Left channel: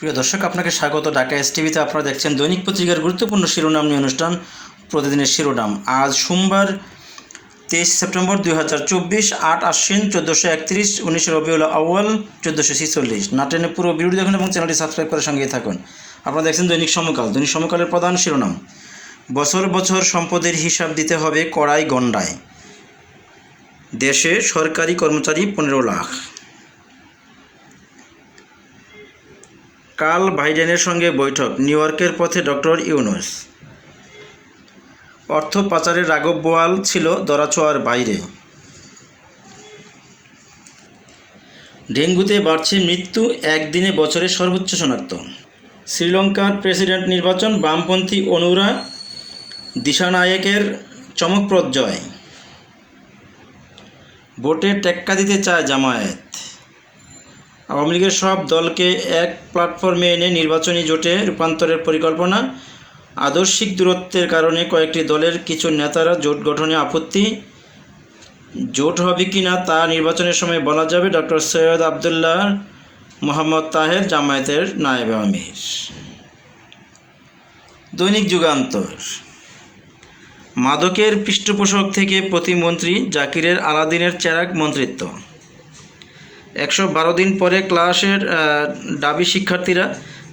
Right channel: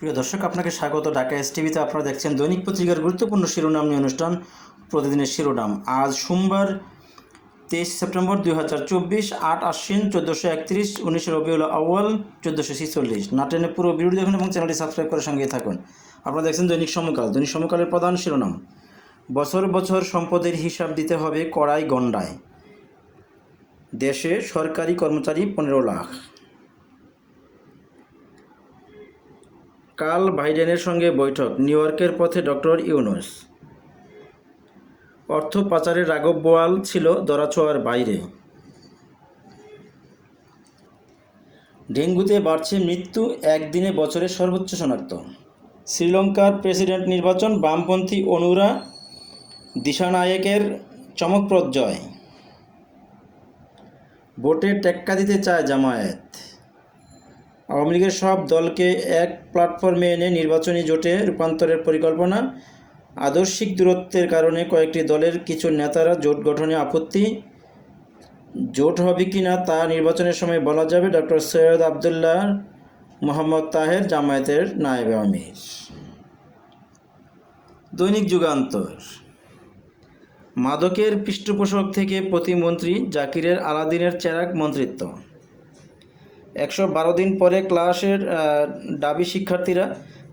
প্রিয় দর্শক, আপনাকে স্বাগত। ঢাকা এস টিভিতে আপনারা দেখছেন দৈনিক পত্রিকার গুরুত্বপূর্ণ শিরোনাম নিয়ে অনুষ্ঠান, প্রতিদিনের শিরোনাম। আজ সোমবার তেইশ সেপ্টেম্বর দুই হাজার চব্বিশ, আট আশ্বিন চোদ্দোশো একত্রিশ, উনিশে রবিউল আউ্য়াল, চোদ্দোশো ছিচল্লিশ। নাটেনে পুরো ভিডিও দেখুন এবং চ্যানেলটি সাবস্ক্রাইব করে সঙ্গেই থাকুন। আপনারা দেখছেন দৈনিক সমকাল। দৈনিক সমকালের প্রধান শিরোনাম, বছর বছর সম্পদের হিসাব দিতে হবে কড়াই গণ্ডায়। দেশে সরকারি কর্মচারী পনেরো লাখ। কাল বাইডেনের সঙ্গে বৈঠক, নিউ ইয়র্কের পথে ডক্টর ইউনুস। অর্থ পাচারের রাঘব বোয়াল ছিল দরাছোয়ার বাইরে। ডেঙ্গুতে বাড়ছে মৃত্যু একদিনে বছরের সর্বোচ্চ শনাক্ত। শ্রীলঙ্কার প্রেসিডেন্ট নির্বাচন বামপন্থী অনুরা দিশানায়েকের চমকপ্রদ জয়। ভোটে টেক্কা দিতে চায় জামায়াত। আওয়ামী লীগের সব দলকে এক প্ল্যাটফর্মে এনে নির্বাচনী জোটে রূপান্তরের পরিকল্পনা, আদর্শিক দূরত্বের কারণে কয়েকটি দলের কিছু নেতারা জোট গঠনে আপত্তি। জোট হবে কি না তা নির্বাচনের সময় বলা যাবে ডক্টর সৈয়দ আবদুল্লাহ মোহাম্মদ তাহের, জামায়াতের নায়েব আমির। দৈনিক যুগান্তর। মাদকের পৃষ্ঠপোষক থেকে প্রতিমন্ত্রী জাকিরের আলাদিনের চেরাক মন্ত্রিত্ব। একশো বারো দিন পরে ক্লাসের দাবি শিক্ষার্থীরা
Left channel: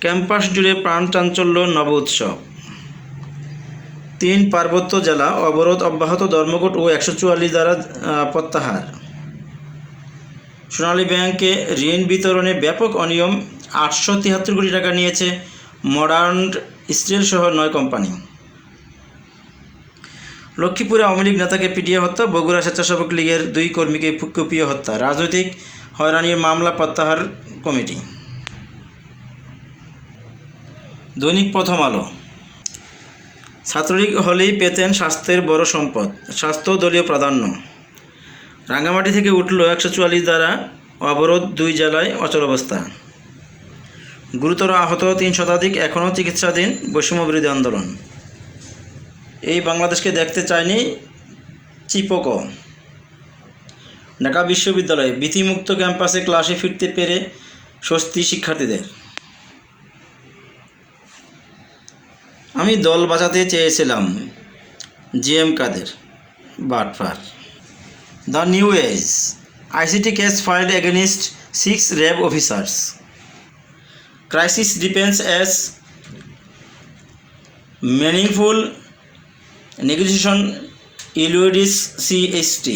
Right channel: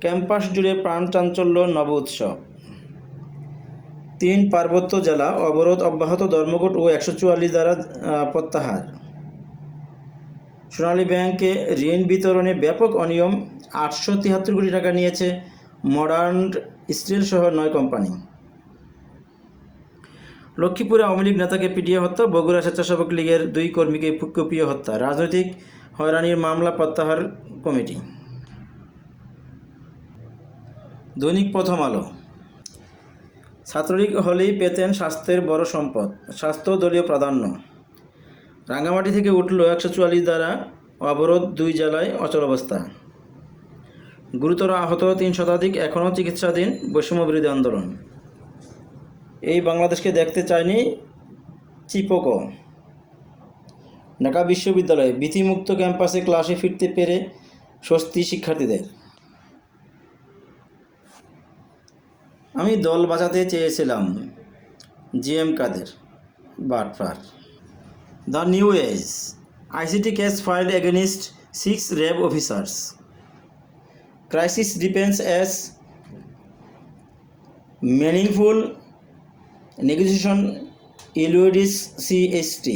ক্যাম্পাস জুড়ে প্রাণ চাঞ্চল্য নব উৎসব তিন পার্বত্য জেলা অবরোধ অব্যাহত ধর্মঘট ও একশো চুয়াল্লিশ দ্বারা প্রত্যাহার। সোনালী ব্যাংকে ঋণ বিতরণে ব্যাপক অনিয়ম, আটশো তিয়াত্তর কোটি টাকা নিয়েছে মডার্ন স্টিল সহ নয় কোম্পানি। লক্ষ্মীপুরে আওয়ামী লীগ নেতাকে পিটিয়ে হত্যা, বগুড়া স্বেচ্ছাসেবক লীগের দুই কর্মীকে কুপিয়ে হত্যা, রাজনৈতিক হয়রানির মামলা প্রত্যাহার কমিটি। দৈনিক প্রথম আলো। ছাত্রলীগ হলেই পেতেন স্বাস্থ্যের বড় সম্পদ, স্বাস্থ্য দলীয় প্রাধান্য। রাঙ্গামাটি থেকে উঠল একশো চুয়াল্লিশ দ্বারা অবরোধ দুই জেলায় অচল অবস্থা। গুরুতর আহত তিন শতাধিক এখনও চিকিৎসাধীন বৈষম্য বিরোধী আন্দোলন। এই বাংলাদেশকে দেখতে চায়নি চিপক। ঢাকা বিশ্ববিদ্যালয়ে ভীতিমুক্ত ক্যাম্পাসে ক্লাসে ফিরতে পেরে স্বস্তি শিক্ষার্থীদের। আমি দল বাঁচাতে চেয়েছিলাম G M Quader বাটফার the new age, ICT case filed against six RAB officers. Crisis deepens as meaningful negotiation eludes CST.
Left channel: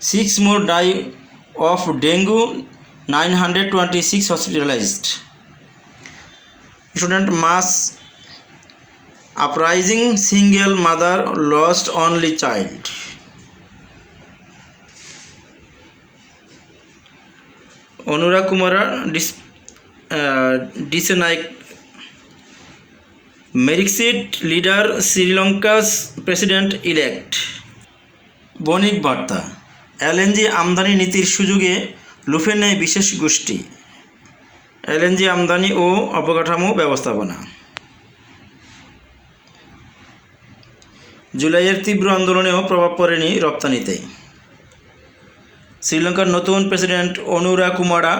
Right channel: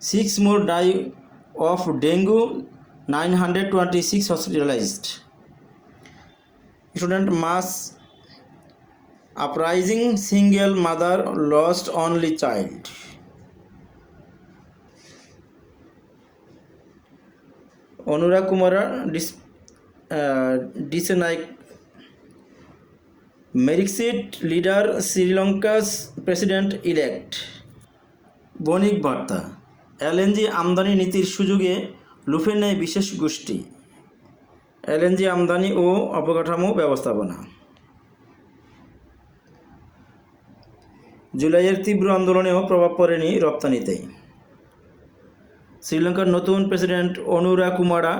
Six more die of dengue, 926 hospitalized. Student mass uprising, single mother lost only child. Onura Kumara dis, uh, Disenike Marxist leader Sri Lanka's president elect Bonik Barta LNG আমদানি নীতির সুযোগে লুফে নেয় বিশেষ গোষ্ঠী। LNG আমদানি ও অবকাঠামো ব্যবস্থাপনা। জুলাইয়ের তীব্র আন্দোলনেও প্রভাব পড়েনি রপ্তানিতে। শ্রীলঙ্কার নতুন প্রেসিডেন্ট অনুরা কুমারা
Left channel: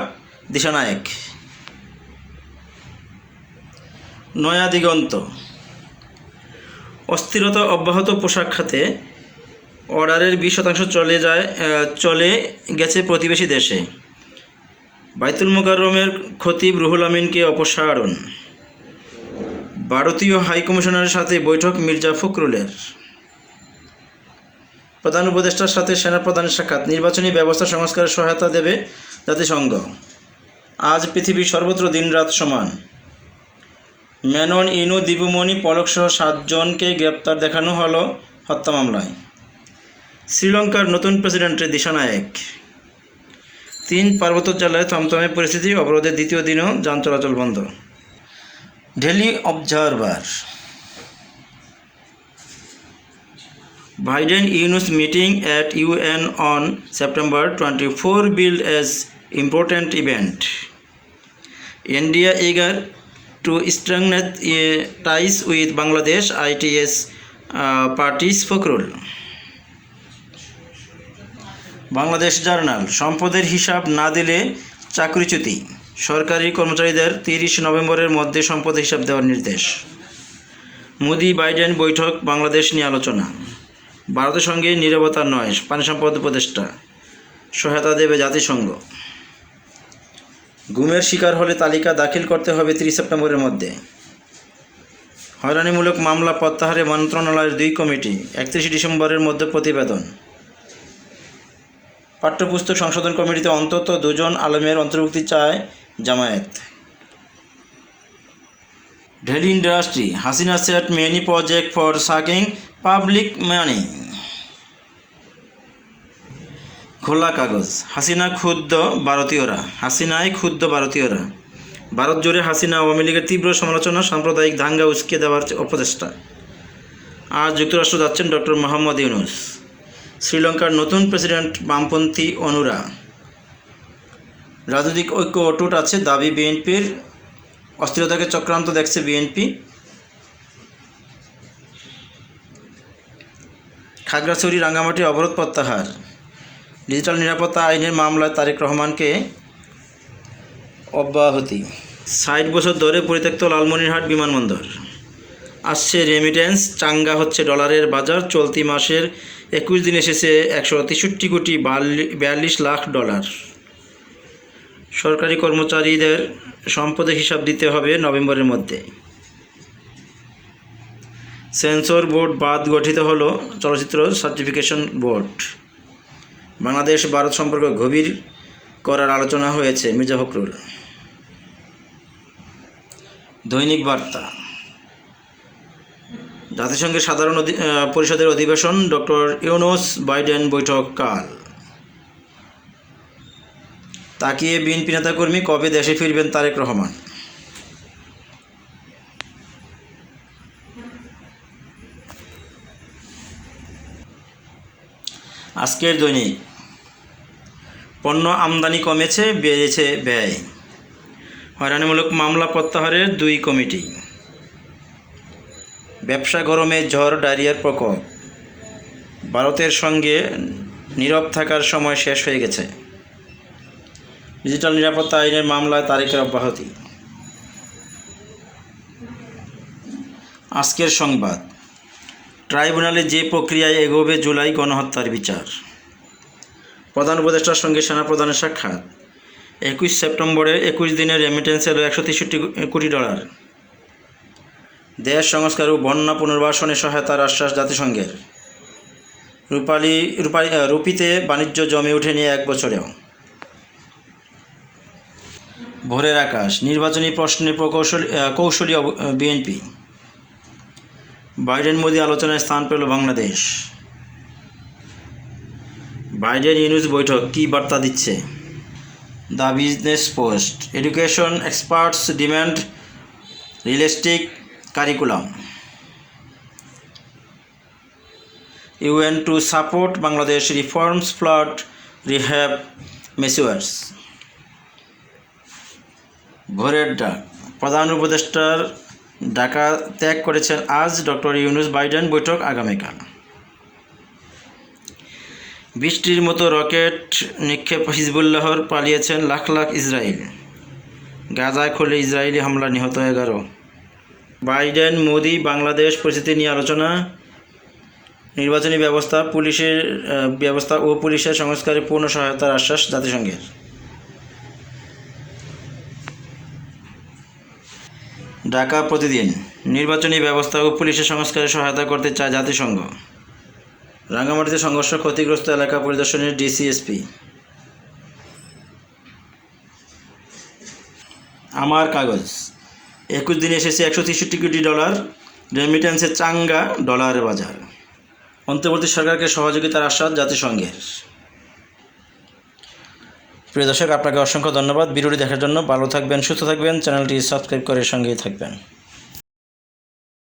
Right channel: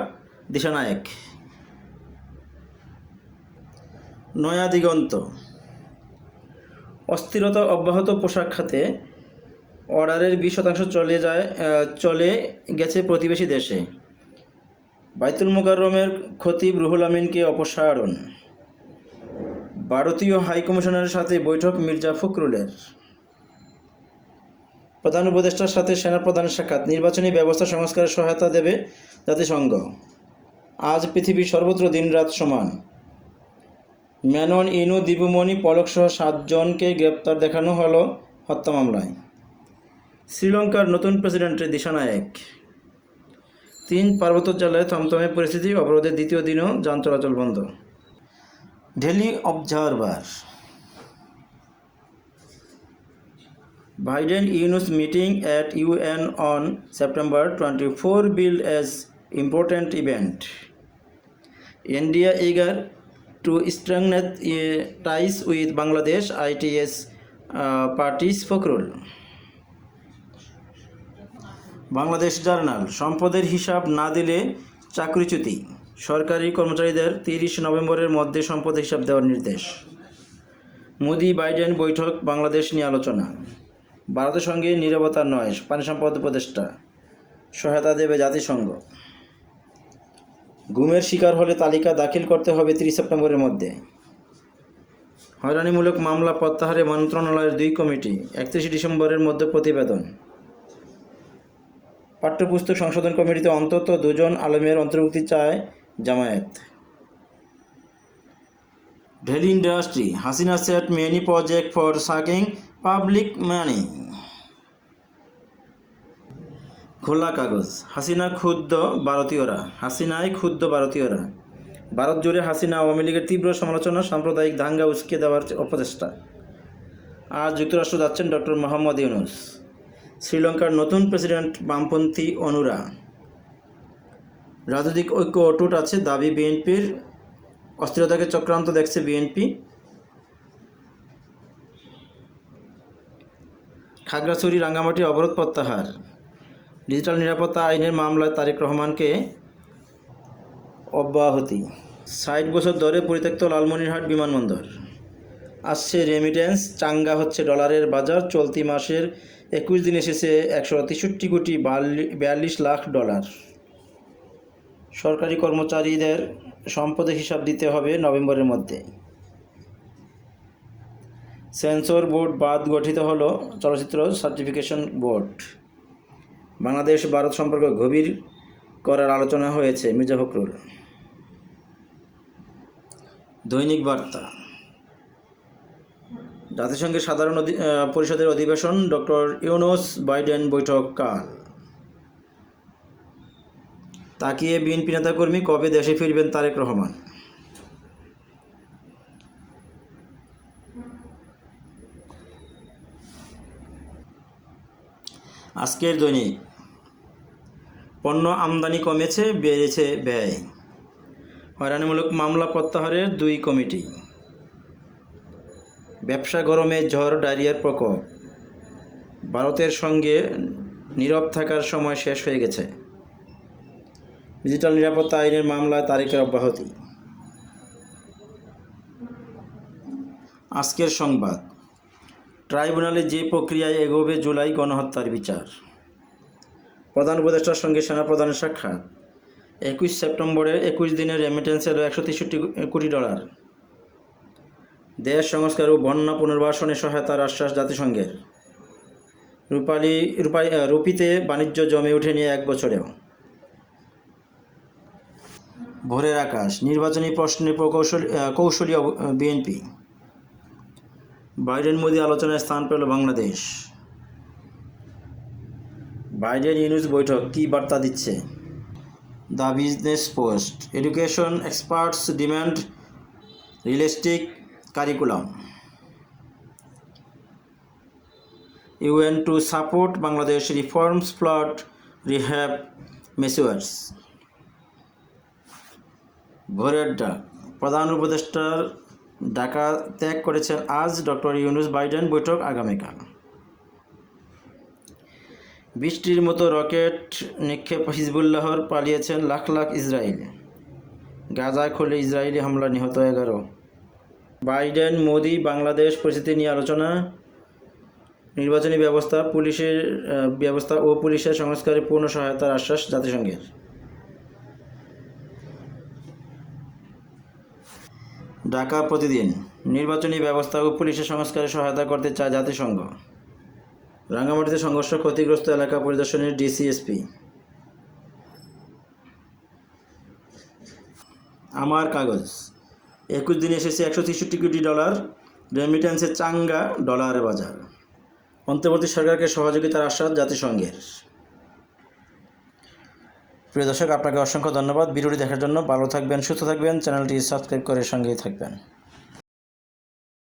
দিশানায়েক। নয়া দিগন্ত। অস্থিরতা অব্যাহত পোশাক খাতে অর্ডারের বিশ শতাংশ চলে যায় চলে গেছে প্রতিবেশী দেশে। বাইতুল মোকাররমের খতিব রুহুল আমিনকে অপসারণ। ভারতীয় হাইকমিশনারের সাথে বৈঠক মির্জা ফখরুলের। প্রধান উপদেষ্টার সাথে সেনাপ্রধানের সাক্ষাৎ। নির্বাচনী ব্যবস্থা সংস্কারের সহায়তা দেবে জাতিসংঘ। আজ পৃথিবীর সর্বত্র দিনরাত সমান। মেনন, ইনু দীপুমণি পলকসহ সাতজনকে গ্রেপ্তার দেখানো হলো হত্যা মামলায়। শ্রীলঙ্কার নতুন প্রেসিডেন্টের প্রেসিডেন্ট দিশানায়ক তিন পার্বত্য জেলায় থমথমে পরিস্থিতি, অবরোধের দ্বিতীয় দিনও যান চলাচল বন্ধ। Daily observer. Biden Yunus meeting at UN on September twenty four bill as important event. India eager to strength ties with Bangladesh, it's parties Fakhrul. Bangladesh journal, সম্পদের হিসাব না দিলে চাকরিচ্যুতি। সরকারি কর্মচারীদের তিরিশ নভেম্বরের মধ্যে সম্পদ হিসাব দেওয়ার নির্দেশ। মোদি বাইডেন বৈঠক বাংলাদেশ নিয়ে আলোচনা। ভারতের সঙ্গে নিরবতা নয়, পানি সম্পদ উপদেষ্টা। সহায়তা দেবে জাতিসংঘ। গুমের শিকার হলে তালিকা দাখিল করতে হবে তিরিশ সেপ্টেম্বরের মধ্যে। হয়রানিমূলক মামলা প্রত্যাহারে মন্ত্রণালয়ের দুই কমিটি, একত্রিশে ডিসেম্বরের মধ্যে প্রতিবেদন। পাঠ্যপুস্তক সংশোধন কমিটিতে অন্তত দুজন আলমের অন্তর্ভুক্তি চায় Jamaat. Daily industry, Hasina set many project for sucking public money. Khola Kagoj, Hasina ক্ষুদ্র ভারতীয়রা হাসিনায় ক্ষুদ্র ভারতীয়রা। ভারত জুড়ে হাসিনা আওয়ামী লীগের তীব্র সমালোচনা, সাম্প্রদায়িক দাঙ্গা উস্কে দেওয়ার অপচেষ্টা। আজ যুক্তরাষ্ট্র যাচ্ছেন ডক্টর মোহাম্মদ ইউনুস। শ্রীলঙ্কার নতুন প্রেসিডেন্ট বামপন্থী অনুরা। রাজনৈতিক ঐক্য অটুট আছে দাবি বিএনপির। অস্থিরতাকে চক্রান্ত দেখছে বিএনপি। খাগড়াছড়ি রাঙ্গামাটি অবরোধ প্রত্যাহার। ডিজিটাল নিরাপত্তা আইনের মামলায় তারেক রহমানকে অব্যাহতি। ষাট বছর ধরে পরিত্যক্ত লালমনিরহাট বিমানবন্দর। আসছে রেমিটেন্স চাঙ্গা হচ্ছে ডলারের বাজার, চলতি মাসের একুশ দিন এসেছে একশো তেষট্টি কোটি বিয়াল্লিশ লাখ ডলার। সরকারি কর্মচারীদের সম্পদের হিসাব দিতে হবে নভেম্বরের মধ্যে। সেন্সর বোর্ড বাদ গঠিত হলো চলচ্চিত্র সার্টিফিকেশন বোর্ড। বাংলাদেশ ভারত সম্পর্ক গভীর করার আলোচনা হয়েছে মির্জা ফখরুল। দৈনিক বার্তা। জাতিসংঘের সাধারণ পরিষদের অধিবেশন ডক্টর ইউনুস বাইডেন বৈঠক কাল তাকিয়ে বিএনপি নেতাকর্মী কবে দেশে ফিরবেন তারেক রহমান? আজকের দৈনিক। পণ্য আমদানি কমেছে, বেড়েছে ব্যয়। হয়রানিমূলক মামলা প্রত্যাহারের দুই কমিটি। ব্যবসা গরমে ঝড়, ডায়রিয়ার প্রকোপ। ভারতের সঙ্গে নীরব থাকার সময় শেষ হয়ে গেছে। ডিজিটাল নিরাপত্তা আইনের মামলায় তারিখের অব্যাহতি। আজকের সংবাদ। ট্রাইব্যুনালে যে প্রক্রিয়ায় এগোবে জুলাই গণহত্যার বিচার। প্রধান উপদেষ্টার সঙ্গে সেনাপ্রধানের সাক্ষাৎ। একুশ সেপ্টেম্বরে একুশ দিনের রেমিটেন্স এলো একশো তেষট্টি কোটি ডলার। দেশ সংস্কার ও বন্যা পুনর্বাসনে সহায়তার আশ্বাস জাতিসংঘের। রূপালী রূপালী রুপিতে বাণিজ্য জমে ওঠেনি এক বছরেও। ভোরের আকাশ, নির্বাচনী প্রশ্নে প্রকৌশলী কৌশলী বিএনপি। বাইডেন মোদি আলোচনায় স্থান পেল বাংলাদেশ। বাইডেন ইউনুস বৈঠক, কী বার্তা দিচ্ছে? The business post, education experts demand realistic curriculum UN to support Bangladesh reforms flood rehab measures Bhorer Dak প্রধান উপদেষ্টার ঢাকা ত্যাগ করেছেন আজ ডক্টর ইউনুস বাইডেন বৈঠক আগামীকাল। বৃষ্টির মতো রকেট নিক্ষেপ হিজবুল্লাহর পালিয়েছেন লাখ লাখ ইসরায়েল গাজায় খুলে ইসরায়েলি হামলা নিহত এগারো। বাইডেন, মোদি, বাংলাদেশ পরিস্থিতি নিয়ে আলোচনা। নির্বাচনী ব্যবস্থা, পুলিশের ব্যবস্থা ও পুলিশের সংস্কারে পূর্ণ সহায়তার আশ্বাস জাতিসংঘের। ঢাকা প্রতিদিন, নির্বাচনী ব্যবস্থা ও পুলিশের সংস্কারে সহায়তা করতে চায় জাতিসংঘ। রাঙ্গামাটিতে সংঘর্ষ ক্ষতিগ্রস্ত এলাকা পরিদর্শনের ডিসিএসপি। আমার কাগজ। একুশ দিনে এসেছে একশো তেষট্টি কোটি ডলার রেমিটেন্সে চাঙ্গা ডলার বাজার। অন্তর্বর্তী সরকারকে সহযোগিতার আশ্বাস জাতিসংঘের। প্রিয় দর্শক, আপনাকে অসংখ্য ধন্যবাদ। ভিডিওটি দেখার জন্য ভালো থাকবেন, সুস্থ থাকবেন। চ্যানেলটি সাবস্ক্রাইব করে সঙ্গেই থাকবেন।